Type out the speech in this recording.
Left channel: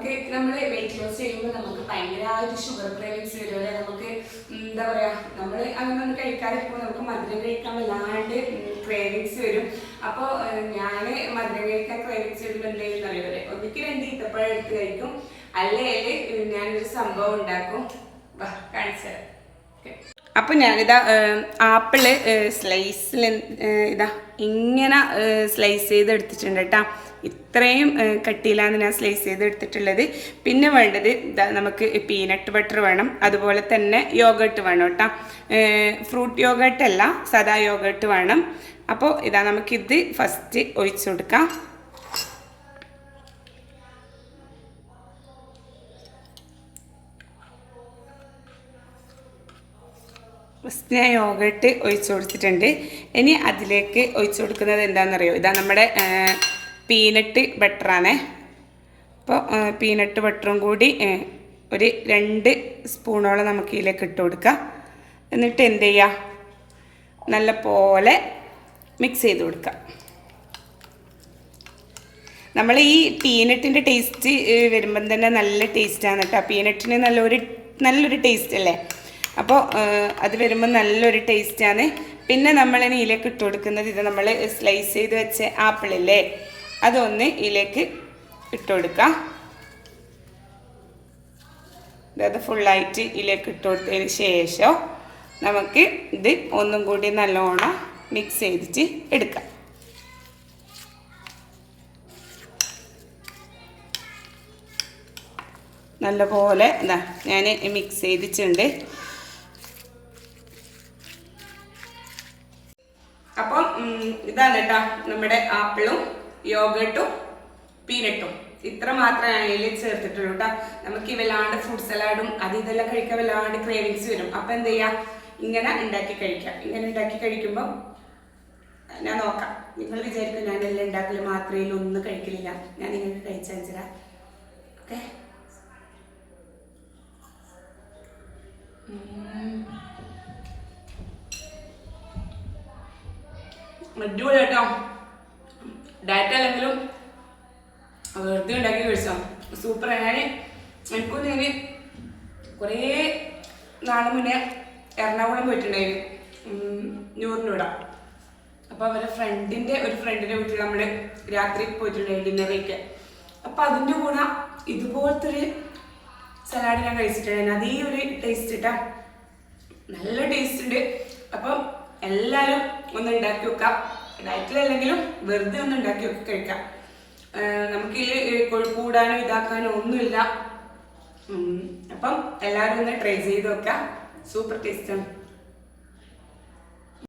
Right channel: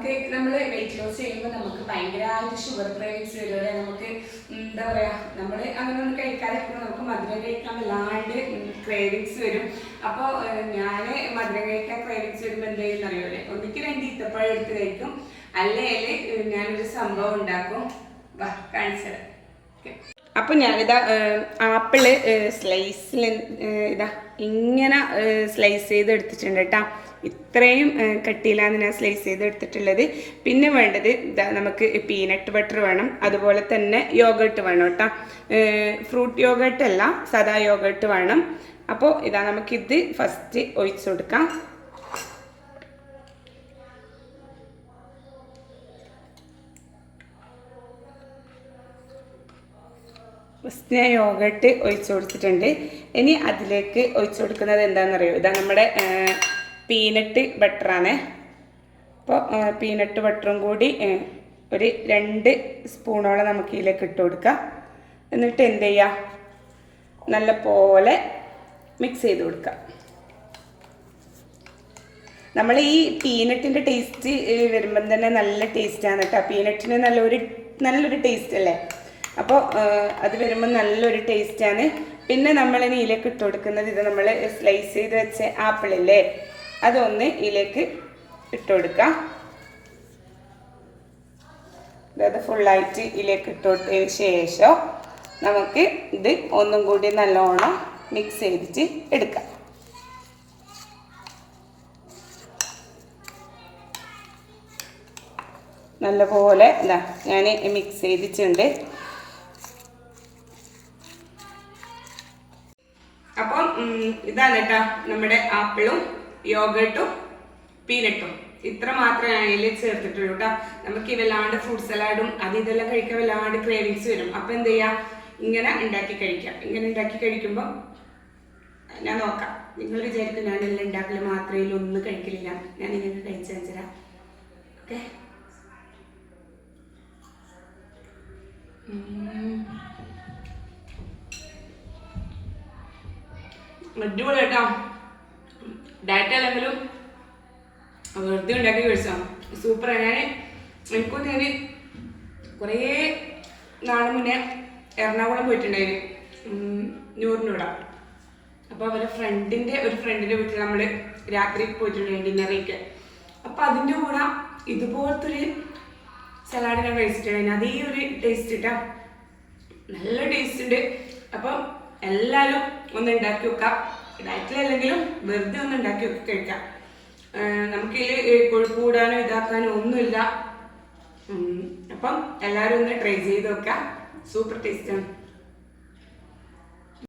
നമുക്ക് നമ്മൾ weight loss ചെയ്യുമ്പോൾ നമുക്ക് ഭയങ്കരമായിട്ട് ഷുഗർ ക്രേവിങ്സ് വരും. അല്ലെ? നമുക്ക് എന്താ പറയുക നമ്മൾ അങ്ങനെ ഒന്ന് കഴിക്കാതിരിക്കുമ്പോൾ നമുക്ക് മധുരം കഴിക്കാൻ വല്ലാണ്ട് ക്രേവിങ്സ് വരും. അപ്പോൾ ഞാൻ മധുരം കഴിക്കാൻ ക്രേവിങ്സ് വരുമ്പോൾ എന്താ ചെയ്യുന്ന അറിയൂലേ ഒന്നിക്ക് രണ്ട് ഈത്തപ്പഴം എടുത്ത് കഴിക്കും. അല്ലെങ്കിൽ ഞാനൊരു സംഭവം ഉണ്ടാക്കും. കാണിച്ചു തരാം. ഓക്കെ. അപ്പം ഞാനിതാ ആപ്പിൾ സ്ലൈസിൽ ഇതാ ഇങ്ങനെ സ്ലൈസ് ചെയ്ത് എടുത്തിട്ടുണ്ട് കേട്ടോ ഇത്രയും കട്ടിയിലാണ് ഞാൻ സ്ലൈസ് ചെയ്ത് എടുത്തിട്ടുള്ളത്. പിന്നെ വേണ്ടത് ഇതാ നമുക്ക് പീനട്ട് ബട്ടർ വേണം. അതുപോലെ തന്നെ യോഗേട്ട് വേണം കേട്ടോ ഫ്രൂട്ട് യോഗട്ടല്ല സദാ യോഗേട്ട് വേണം. അപ്പോൾ ഇതാ നമുക്കിത് ഫസ്റ്റ് ഒഴിച്ചു കൊടുക്കാം. ഞാൻ യോഗട്ട് ഒഴിച്ചു കൊടുത്തിട്ടുണ്ട്. ഇനി അതിലേക്ക് ഒഴിച്ചു കൊടുക്കുന്നത് എന്താണെന്നറിയോ? ഇതാ നമ്മുടെ പീനട്ട് ബട്ടറാണ് അപ്പോൾ പീനട്ട് ബട്ടറും കൂടി ഒരു രണ്ട് സ്പൂണോളം നമുക്ക് ഇതിലേക്ക് ഇട്ട് കൊടുക്കാം. എന്നിട്ട് എന്ത് ചെയ്യുക നല്ല പോലെ മിക്സ് ചെയ്ത് കൊടുക്കാം. നമ്മൾ ഈ പീനട്ടിന്റെ ടേസ്റ്റ് വരുമ്പം തന്നെ നല്ല ടേസ്റ്റാണ് കേട്ടോ. പീനട്ടിന് നല്ലൊരു നല്ലൊരു ടേസ്റ്റ് അല്ലേ? അപ്പോൾ അത് വരുമ്പോൾ നല്ലൊരു ടേസ്റ്റാണ്. പിന്നെ നമ്മൾ ഇനി ഇതിലേക്ക് ഇട്ട് കൊടുക്കുന്നത് ഇത് നമ്മൾ സ്ലൈസ് ചെയ്ത് വെച്ച ആപ്പിളില്ലേ? അതൊന്ന് ഇതിലേക്ക് ഇട്ട് കൊടുക്കാം. അത് ഫുള്ളായിട്ട് ഇതിലേക്ക് ഇട്ട് കൊടുത്തതിന് ശേഷം നമുക്ക് ഇത് ഒന്നും കൂടി നല്ലോണം മിക്സ് ചെയ്തിട്ട് എടുക്കാം. നല്ലപോലെ എന്താ ഞാൻ മിക്സ് ചെയ്തിട്ടുണ്ട്. അപ്പം ഇതാണ് കേട്ടോ നമ്മുടെ ആപ്പിളും യോഗട്ടും പീനട്ടും. ഇത്ര മാത്രമേ ഇതിൽ ചേർത്തിട്ടുള്ളൂ കേട്ടോ നമുക്ക് ഈ വല്ലാണ്ട് ഫ്രൂട്ട് സലാഡും അത് ഇതെല്ലാം കഴിക്കാൻ വല്ലാണ്ട് ക്രേവിങ്സ് വരും. അപ്പം എന്ത് ചെയ്യുക ഇങ്ങനെ ഉണ്ടാക്കി കഴിക്കാം. ഇങ്ങനെ ഉണ്ടാക്കി കഴിക്കുമ്പോൾ ഞാൻ നോക്കാം. നിങ്ങൾ വിചാരിക്കും ഞാൻ എല്ലാം ഉണ്ടാക്കൽ മാത്രമേ ഒന്നും കഴിക്കലില്ല. ഞാൻ ഇങ്ങനെ കഴിച്ചാൽ തരാം. ഓക്കെ? അടിപൊളി കേട്ടോ ഡയറ്റ് അല്ലെങ്കിലും വെറുതെ ഉണ്ടാക്കി കഴിച്ചാൽ സൂപ്പർ ഞാൻ എനിക്കും ഞാൻ കുറേ നാളെ മുന്നേ എറണാകുളം പോയിട്ടുണ്ടായിരുന്നു നൂറിനൂടെ. അപ്പോൾ അവരെ ഫ്രണ്ടിന്റെ ഒരു ഫ്രണ്ടിന്റെ വീട്ടിൽ നമ്മൾ രാത്രി പോയിട്ടുണ്ടായിരുന്നു ഡിന്നറിലേക്ക് അപ്പോൾ അതിന്റെ കൂടെ ഇതുപോലത്തെ ഒരു സലാഡ് ഞാൻ കഴിച്ചിട്ടുണ്ടായിരുന്നു അതേ ഒരു ടേസ്റ്റ് ഇട്ടാ നല്ല ടേസ്റ്റ് ഉണ്ട്. അപ്പം എല്ലാവരും ഒന്ന് ഉണ്ടാക്കി വെക്കാം. ഡയറ്റിലല്ലെങ്കിലും വെറുതെ ഒന്ന് ഉണ്ടാക്കി വെക്കി കഴിക്കാം. നമുക്ക് കൊഴുപ്പ് കൂടാനോ ഇതാക്കാനോ ഒന്നുമില്ല. അപ്പം എല്ലാവരും ഒന്ന് ട്രൈ ചെയ്ത് നോക്കാം. സൂപ്പർ ടേസ്റ്റാണ്